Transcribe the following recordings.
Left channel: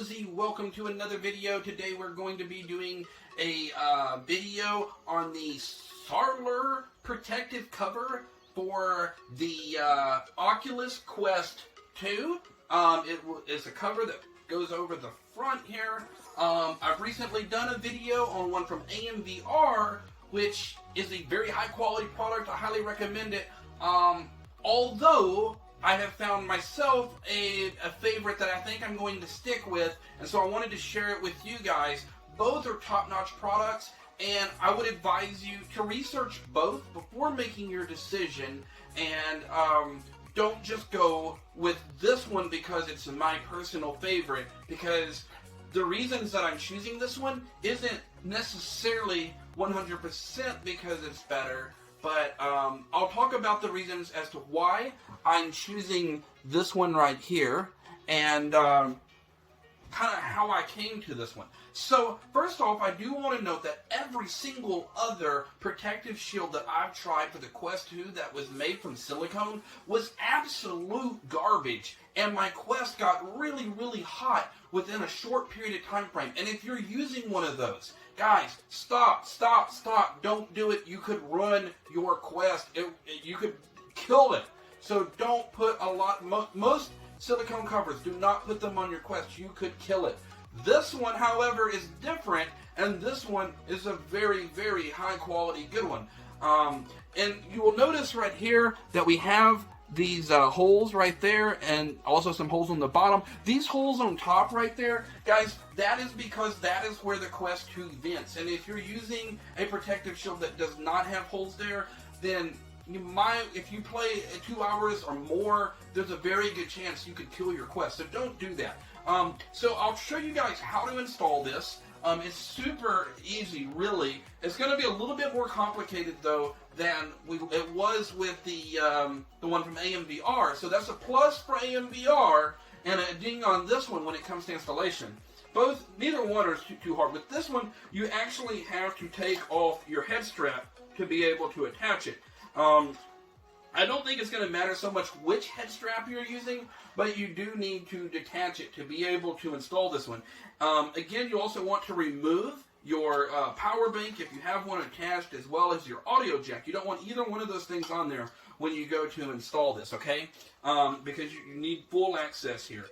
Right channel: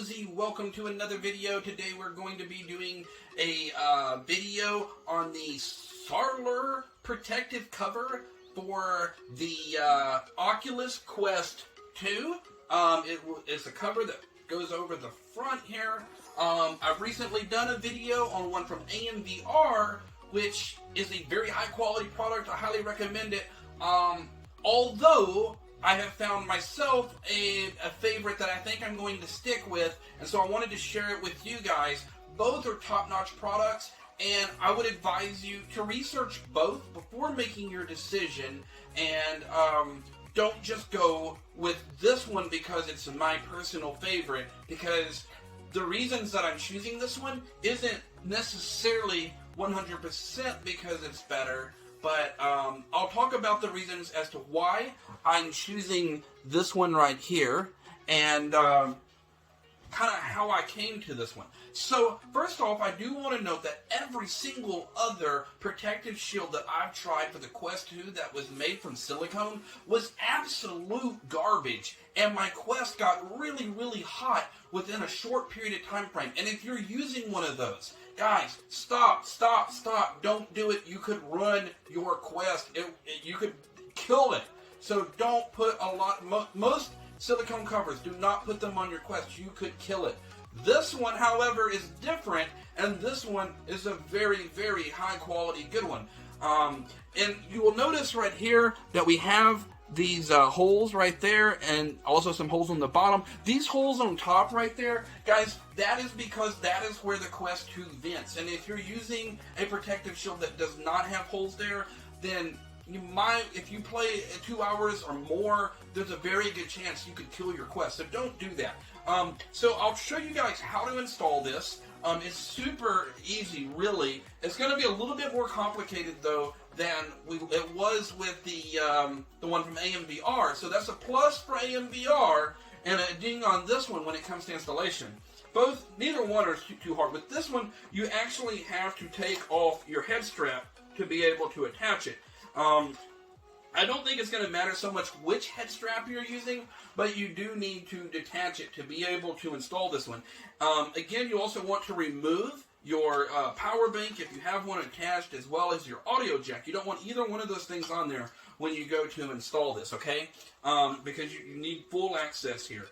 Cozy, welcome to another video. Today we're going to be doing a video on the Sarler protective cover for the Oculus Quest 2. It's a cover that goes over the front here. I've recently done a video on one from AMVR, which is a very high quality product. I highly recommend it. Although I have found myself a favorite that I think I'm going to stick with, and so I wanted to share it with you guys. Both are top-notch products, and I would advise you to research both before making your decision, and don't just go with this one because it's my personal favorite, because the reasons that I'm choosing this one isn't necessarily 100% because it's better. But I'll talk about the reasons as to why I'm choosing this one right here, and kind of how I came to this one. So, first off, I do want to note that every single other protective shield that I've tried for the Quest 2 that was made from silicone was absolute garbage. And my Quest got really, really hot within a short period of time frame. And if you're using one of those, guys, stop. Don't do it. You could ruin your Quest. You could kill it. So don't put a lot. Most silicone covers, do not put them on your Quest. You could kill it. This one, however, is different, and this one is a very, very high quality good one. And you will notice right here that we have these holes right there, and also some holes on the bottom. These holes on top right there, guys, that is because that is where the Quest 2 vents. And if you're using a protective shield that does not have holes there, then if you play 2 hours or more, there's a very good chance you could kill your Quest. So don't do that. So I'll show you guys how to install this. It's super easy, really. It's going to be a little bit more complicated, though, than it was with the one from AMVR. So that's a plus for AMVR and a ding on this one when it comes to installation. Neither one are too hard. With this one, you actually have to take off your head strap to be able to attach it. I don't think it's going to matter so much which head strap you're using, but you do need to detach it to be able to install this one. Again, you also want to remove your power bank if you have one attached, as well as your audio jack. You don't want either one of those things on there when you go to install this, okay? Because you need full access here.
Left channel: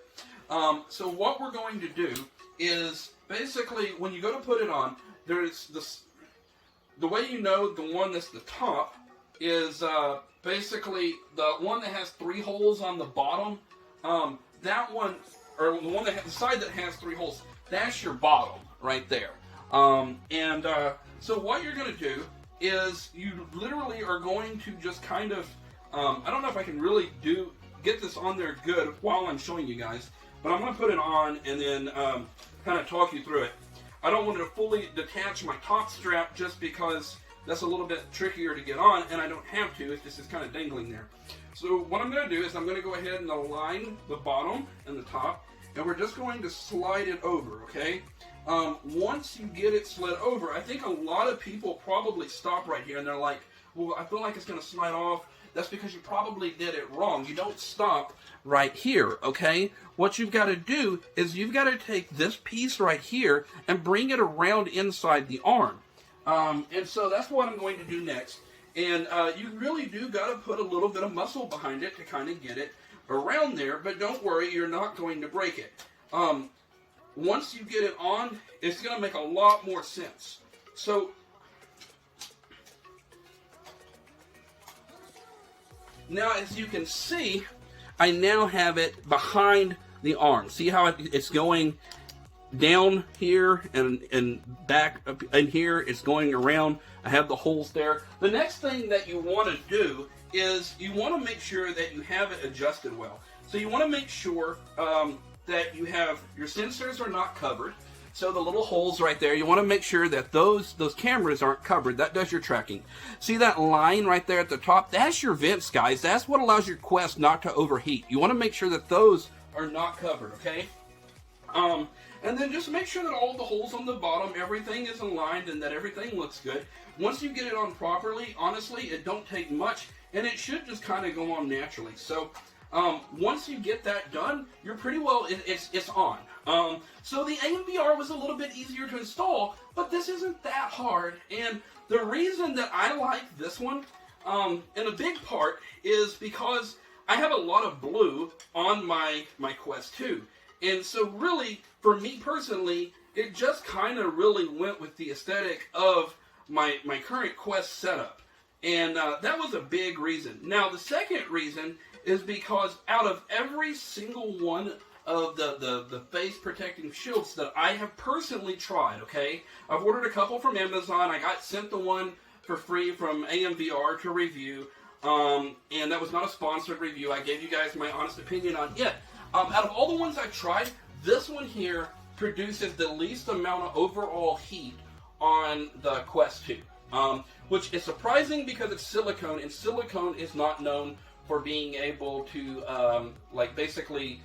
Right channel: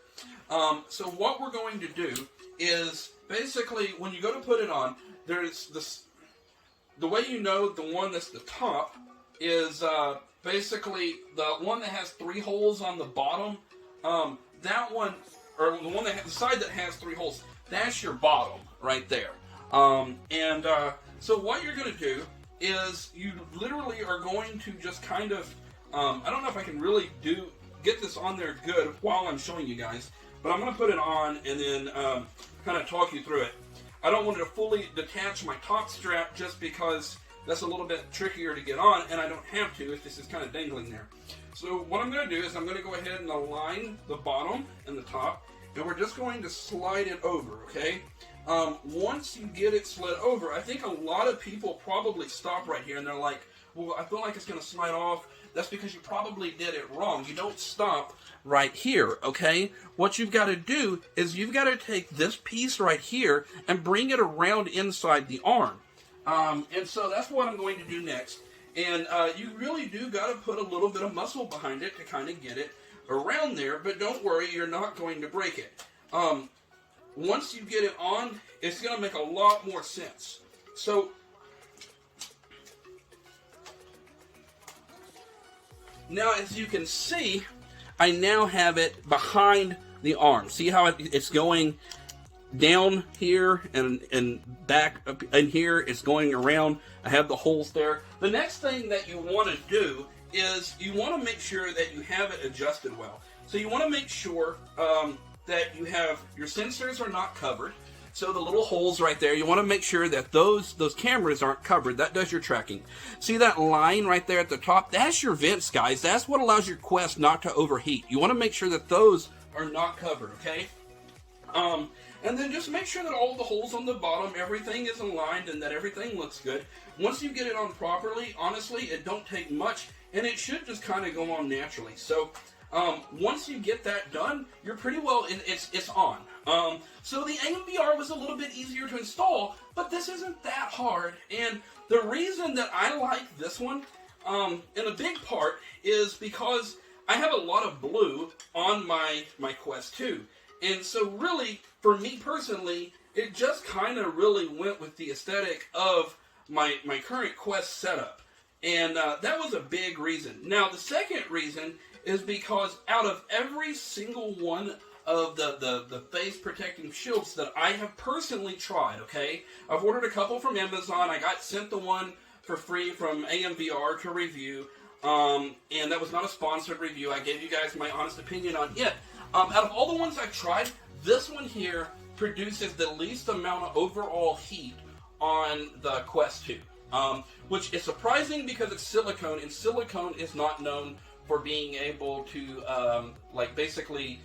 So what we're going to do is, basically, when you go to put it on, there's this. The way you know the one that's the top is basically the one that has 3 holes on the bottom. That one, or the one that the side that has 3 holes, that's your bottom right there. So what you're going to do is you literally are going to just kind of, I don't know if I can really get this on there good while I'm showing you guys, but I'm going to put it on and then kind of talk you through it. I don't want to fully detach my top strap just because that's a little bit trickier to get on, and I don't have to if this is kind of dangling there. So what I'm going to do is I'm going to go ahead and align the bottom and the top, and we're just going to slide it over, okay? Once you get it slid over, I think a lot of people probably stop right here, and they're like, well, I feel like it's going to slide off. That's because you probably did it wrong. You don't stop right here, okay? What you've got to do is you've got to take this piece right here and bring it around inside the arm. And so that's what I'm going to do next. And you really do got to put a little bit of muscle behind it to kind of get it around there. But don't worry, you're not going to break it. Once you get it on, it's going to make a lot more sense. So now, as you can see, I now have it behind the arm. See how it's going down here and back up in here. It's going around. I have the holes there. The next thing that you want to do is you want to make sure that you have it adjusted well. So you want to make sure that you have your sensors are not covered. So the little holes right there, you want to make sure that those cameras aren't covered. That does your tracking. See that line right there at the top? That's your vents, guys. That's what allows your Quest not to overheat. You want to make sure that those are not covered, okay? And then just make sure that all the holes on the bottom, everything is aligned and that everything looks good. Once you get it on properly, honestly, it don't take much, and it should just kind of go on naturally. So once you get that done, you're pretty well, it's on. So the AMVR was a little bit easier to install, but this isn't that hard. And the reason that I like this one, in a big part, is because I have a lot of blue on my Quest 2. And so really, for me personally, it just kind of really went with the aesthetic of my current Quest setup. And that was a big reason. Now, the second reason is because out of every single one of the face protecting shields that I have personally tried, okay? I've ordered a couple from Amazon. I got sent the one for free from AMVR to review. And that was not a sponsored review. I gave you guys my honest opinion on it. Out of all the ones I've tried, this one here produces the least amount of overall heat on the Quest 2. Which is surprising because it's silicone, and silicone is not known for being able to, basically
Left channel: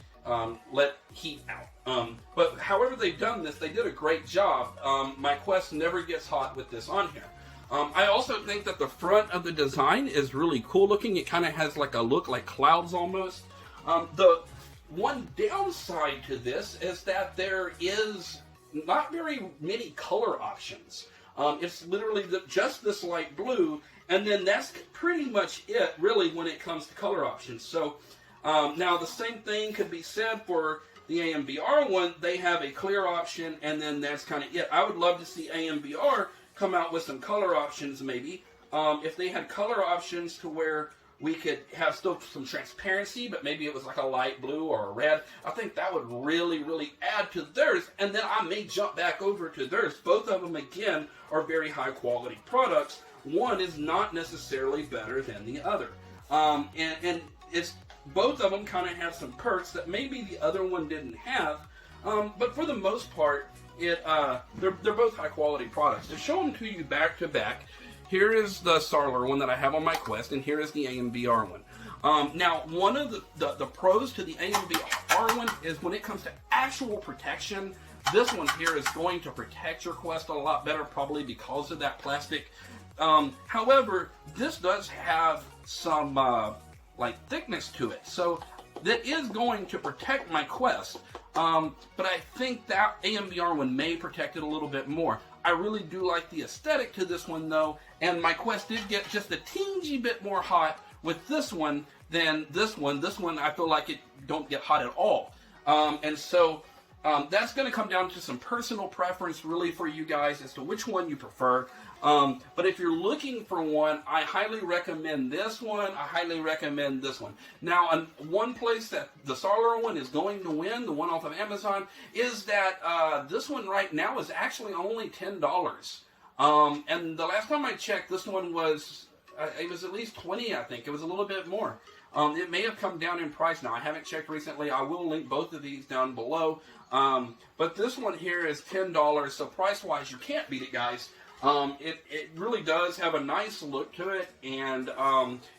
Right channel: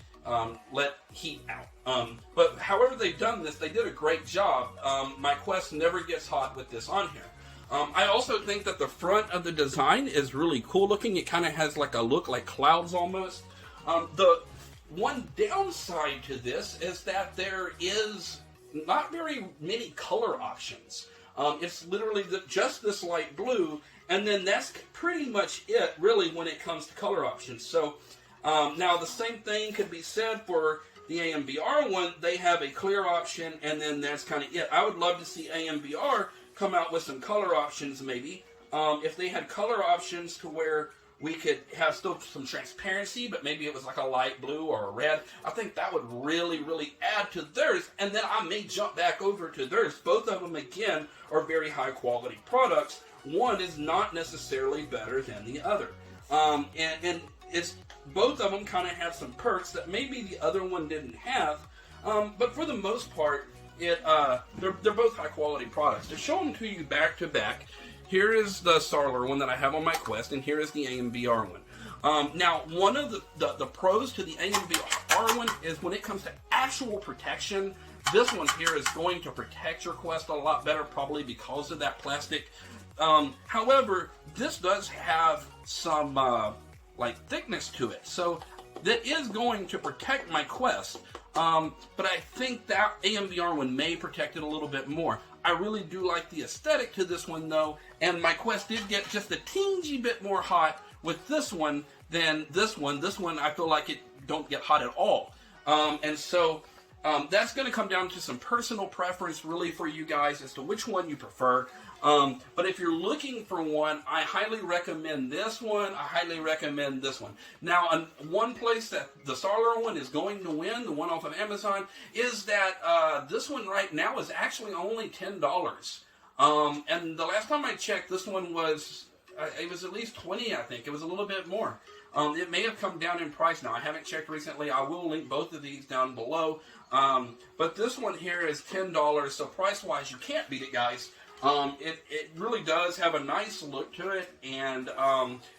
let heat out. But however they've done this, they did a great job. My Quest never gets hot with this on here. I also think that the front of the design is really cool looking. It kind of has like a look like clouds almost. The one downside to this is that there is not very many color options. It's literally just this light blue, and then that's pretty much it, really, when it comes to color options. So, now the same thing could be said for the AMVR one. They have a clear option, and then that's kind of it. I would love to see AMVR come out with some color options, maybe. If they had color options to where we could have still some transparency, but maybe it was like a light blue or a red. I think that would really, really add to theirs, and then I may jump back over to theirs. Both of them, again, are very high-quality products. One is not necessarily better than the other. And it's both of them kind of have some perks that maybe the other one didn't have, but for the most part, they're both high-quality products. To show them to you back-to-back, here is the Sarler one that I have on my Quest, and here is the AMVR one. Now, one of the pros to the AMVR one is when it comes to actual protection, this one here is going to protect your Quest a lot better, probably because of that plastic. However, this does have some thickness to it, so that is going to protect my Quest. But I think that AMVR one may protect it a little bit more. I really do like the aesthetic to this one, though, and my Quest did get just a teensy bit more hot with this one than this one. This one, I feel like it don't get hot at all. And so that's going to come down to some personal preference, really, for you guys as to which one you prefer. But if you're looking for one, I highly recommend this one. I highly recommend this one. Now, one place that the Sarler one is going to win, the one off of Amazon, is that this one right now is actually only $10. And the last time I checked, this one was, it was at least $20, I think. It was a little bit more. It may have come down in price now. I haven't checked recently. I will link both of these down below. But this one here is $10, so price-wise, you can't beat it, guys. It really does have a nice look to it, and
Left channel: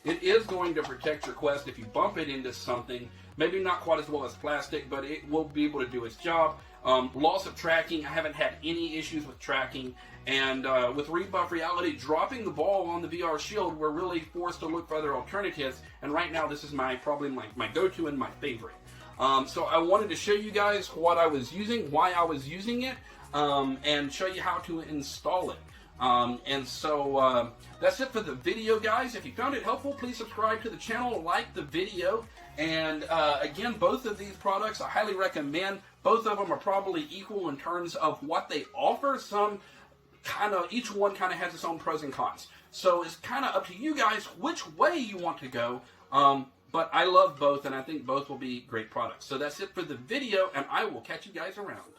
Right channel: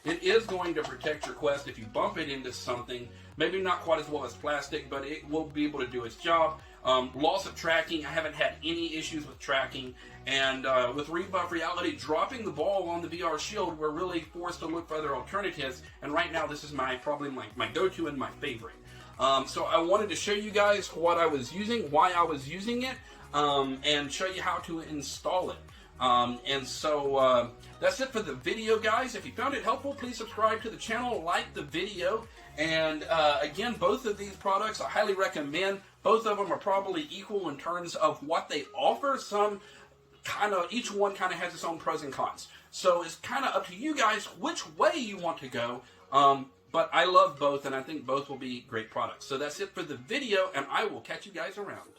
it is going to protect your Quest if you bump it into something. Maybe not quite as well as plastic, but it will be able to do its job. Loss of tracking, I haven't had any issues with tracking, and with Rebuff Reality dropping the ball on the VR Shield, we're really forced to look for other alternatives, and right now this is probably my go-to and my favorite. So I wanted to show you guys what I was using, why I was using it, and show you how to install it. And so that's it for the video, guys. If you found it helpful, please subscribe to the channel, like the video, and again, both of these products I highly recommend. Both of them are probably equal in terms of what they offer. Each one kind of has its own pros and cons. So it's kind of up to you guys which way you want to go. But I love both, and I think both will be great products. So that's it for the video, and I will catch you guys around.